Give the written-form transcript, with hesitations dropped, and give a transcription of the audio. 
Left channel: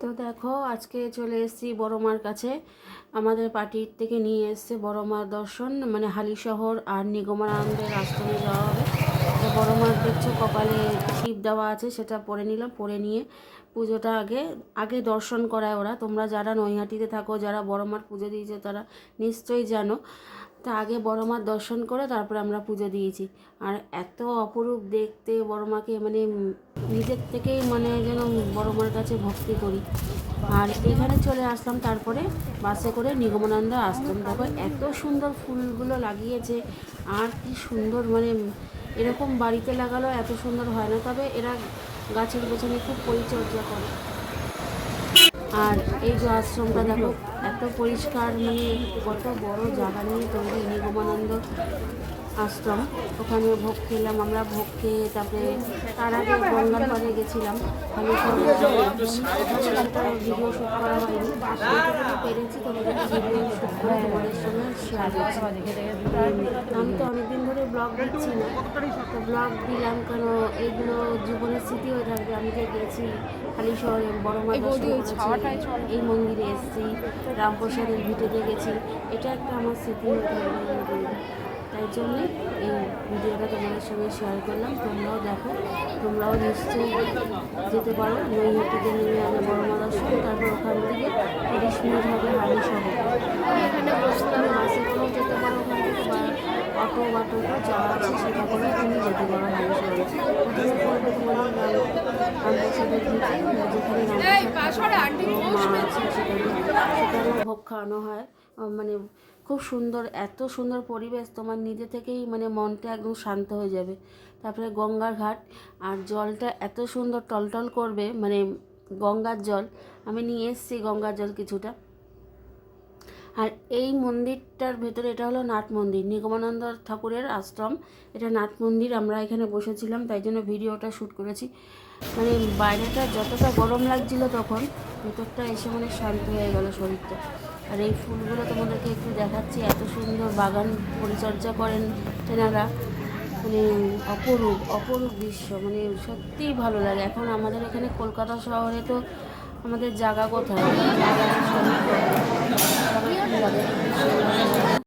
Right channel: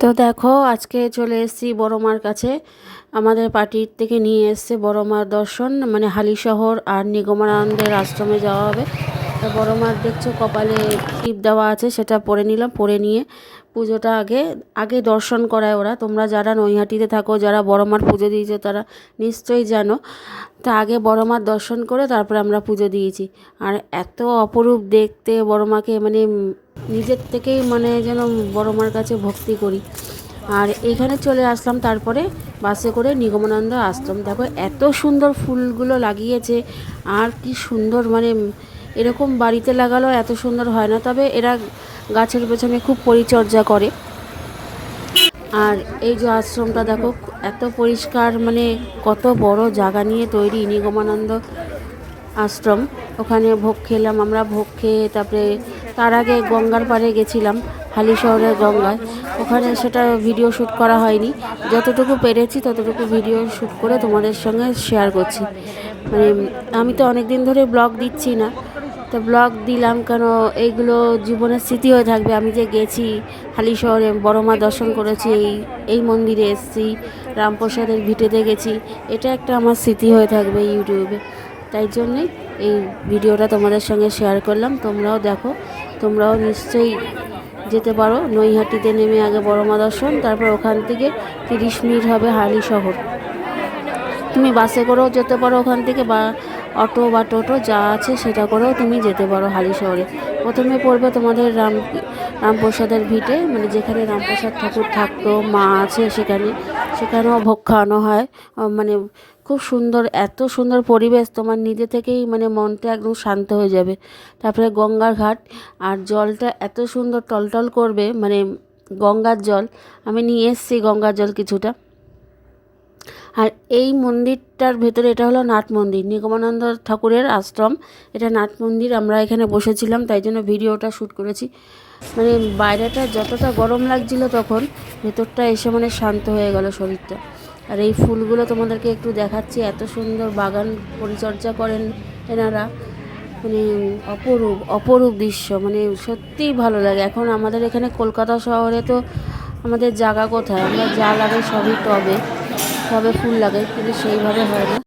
তো দেখো আজকে চলে এসেছি বড় মার কাছে। আমাদের পার্টির থেকে নিয়ে এসছে বড় মার দর্শন, মানে হালিশহর আর নিগমানন্দের আশ্রমে যাওয়া হবে। তো বড় মার দেখছো কপালে টিপ দেওয়া আছে, সেটা পরে নিলাম। পরে নিয়ে পুজোটা আগে আগে দর্শন করায় ওরা। তোমরা যারা নৈহাটিতে থাকো, যারা বড় মার পুজো দিয়েছো, তারা নিশ্চয়ই জানো। তা আগে বড় মার দর্শন করে তারপরে আমরা পুজো দিয়েছি। আর এত অপরূপ দেখতে বড় মাকে, মানে নিজের থেকেই মানে যেন বড় মার কাছে ভক্তি করি। আর এইখানে চলে আসলাম তারপরে বাসে করে নিগমানন্দ আশ্রম। দেখো এত সুন্দর ফুলগুলো লাগিয়েছে, আর কি সুন্দর, মানে এরকম বাড়িতে লাগালো এত সুন্দর হয় না, তবে এরা গাছের পেছনে খুব পরিচর্যা করে। আর এই যে আশ্রমটা দেখো এত পরিষ্কার, মানে কত বড় জায়গা নিয়ে তৈরি নিগমানন্দ আশ্রম। ওখানে ভোগ খেলাম আমরা, ভোগ খেয়ে তারপরে তার আগে গঙ্গার পাড়ে গেছিলাম, হালিশহরের গঙ্গায়। ওখানে সেটা ভিডিও শ্যুট করা হয়নি, যতটুকু পেরেছি ততটুকু ভিডিও শ্যুট করে তোমাদের সঙ্গে শেয়ার করছি। মানে আমি তো অনেক দিন ধরে ব্লগ দিচ্ছি না, তো ব্লগ দিলাম কেন, এইগুলো জীবনের স্মৃতি হয়ে থাকবে। আমি যে গেছি হালিশহরে, বড় মা দর্শন করেছি, এই মন্দিরে এসেছি, রামপ্রসাদের ভিটেতে গেছি, এটা একটা আমার স্মৃতি হয়ে থাকবে ইউটিউবে। তাই জন্যে এই ভিডিওটা তোমাদের সঙ্গে শেয়ার করলাম। তোমরাও দেখো, তোমরাও নিশ্চয়ই যেতে পারো। নৈহাটিতে নেমে আগে বড় মা দর্শন, তারপর ওখান থেকে 30 মিনিট হবে হালিশহর। তুমি বাসে করেও যেতে পারো ওখান থেকে, বা অটো বা টোটো যা আছে সেটা করেও তুমি যেতে পারো হালিশহরে। প্রথমে পড়বে তোমাদের রামপ্রসাদের ভিটে, মানে যেখানে রামপ্রসাদ ঠাকুর থাকতো, মা আছে সেখানে, সেখানেও ভোগ খাওয়ানো হয়। মানে খুব সুন্দর, এত সুন্দর পরিবেশ, তোমার নিজে থেকেই মানে মনটা একদম শান্ত হয়ে যাবে। তারপরে গঙ্গার ঘাট, আর জলটা এত সুন্দর টলটল করবে, মানে গঙ্গার জল। আমি নিয়ে এসেছি গঙ্গার জল কিছুটা। আর এই মন্দিরটার ভেতরে, এটা হলো নাট মন্দির, নিগমানন্দ ঠাকুরের আশ্রম, এটা নাট মন্দির। আমরা এখানে বসেছিলাম, তাই জন্য ভিডিওটা শ্যুট করেছি। মানে বাইরেটা যতটা গরম লাগছিল তখন, ভেতরটা এসে মানে শান্ত হয়ে গেল শরীরটা। আর এই ফুলগুলো তোমাদেরকে একটু দেখাচ্ছি, এত সুন্দর বাগান পরিচর্যা করেন এনারা, মানে অপরূপ অপরূপ দৃশ্য, মানে সত্যিই ভালো লাগে। এখন আমাদের এখানে কলকাতা শহরে তো আমাদের জায়গা কোথায়, আমরা যা লাগে সবই টবে, টবে ফুল লাগে, কিন্তু সেইভাবে হয় না।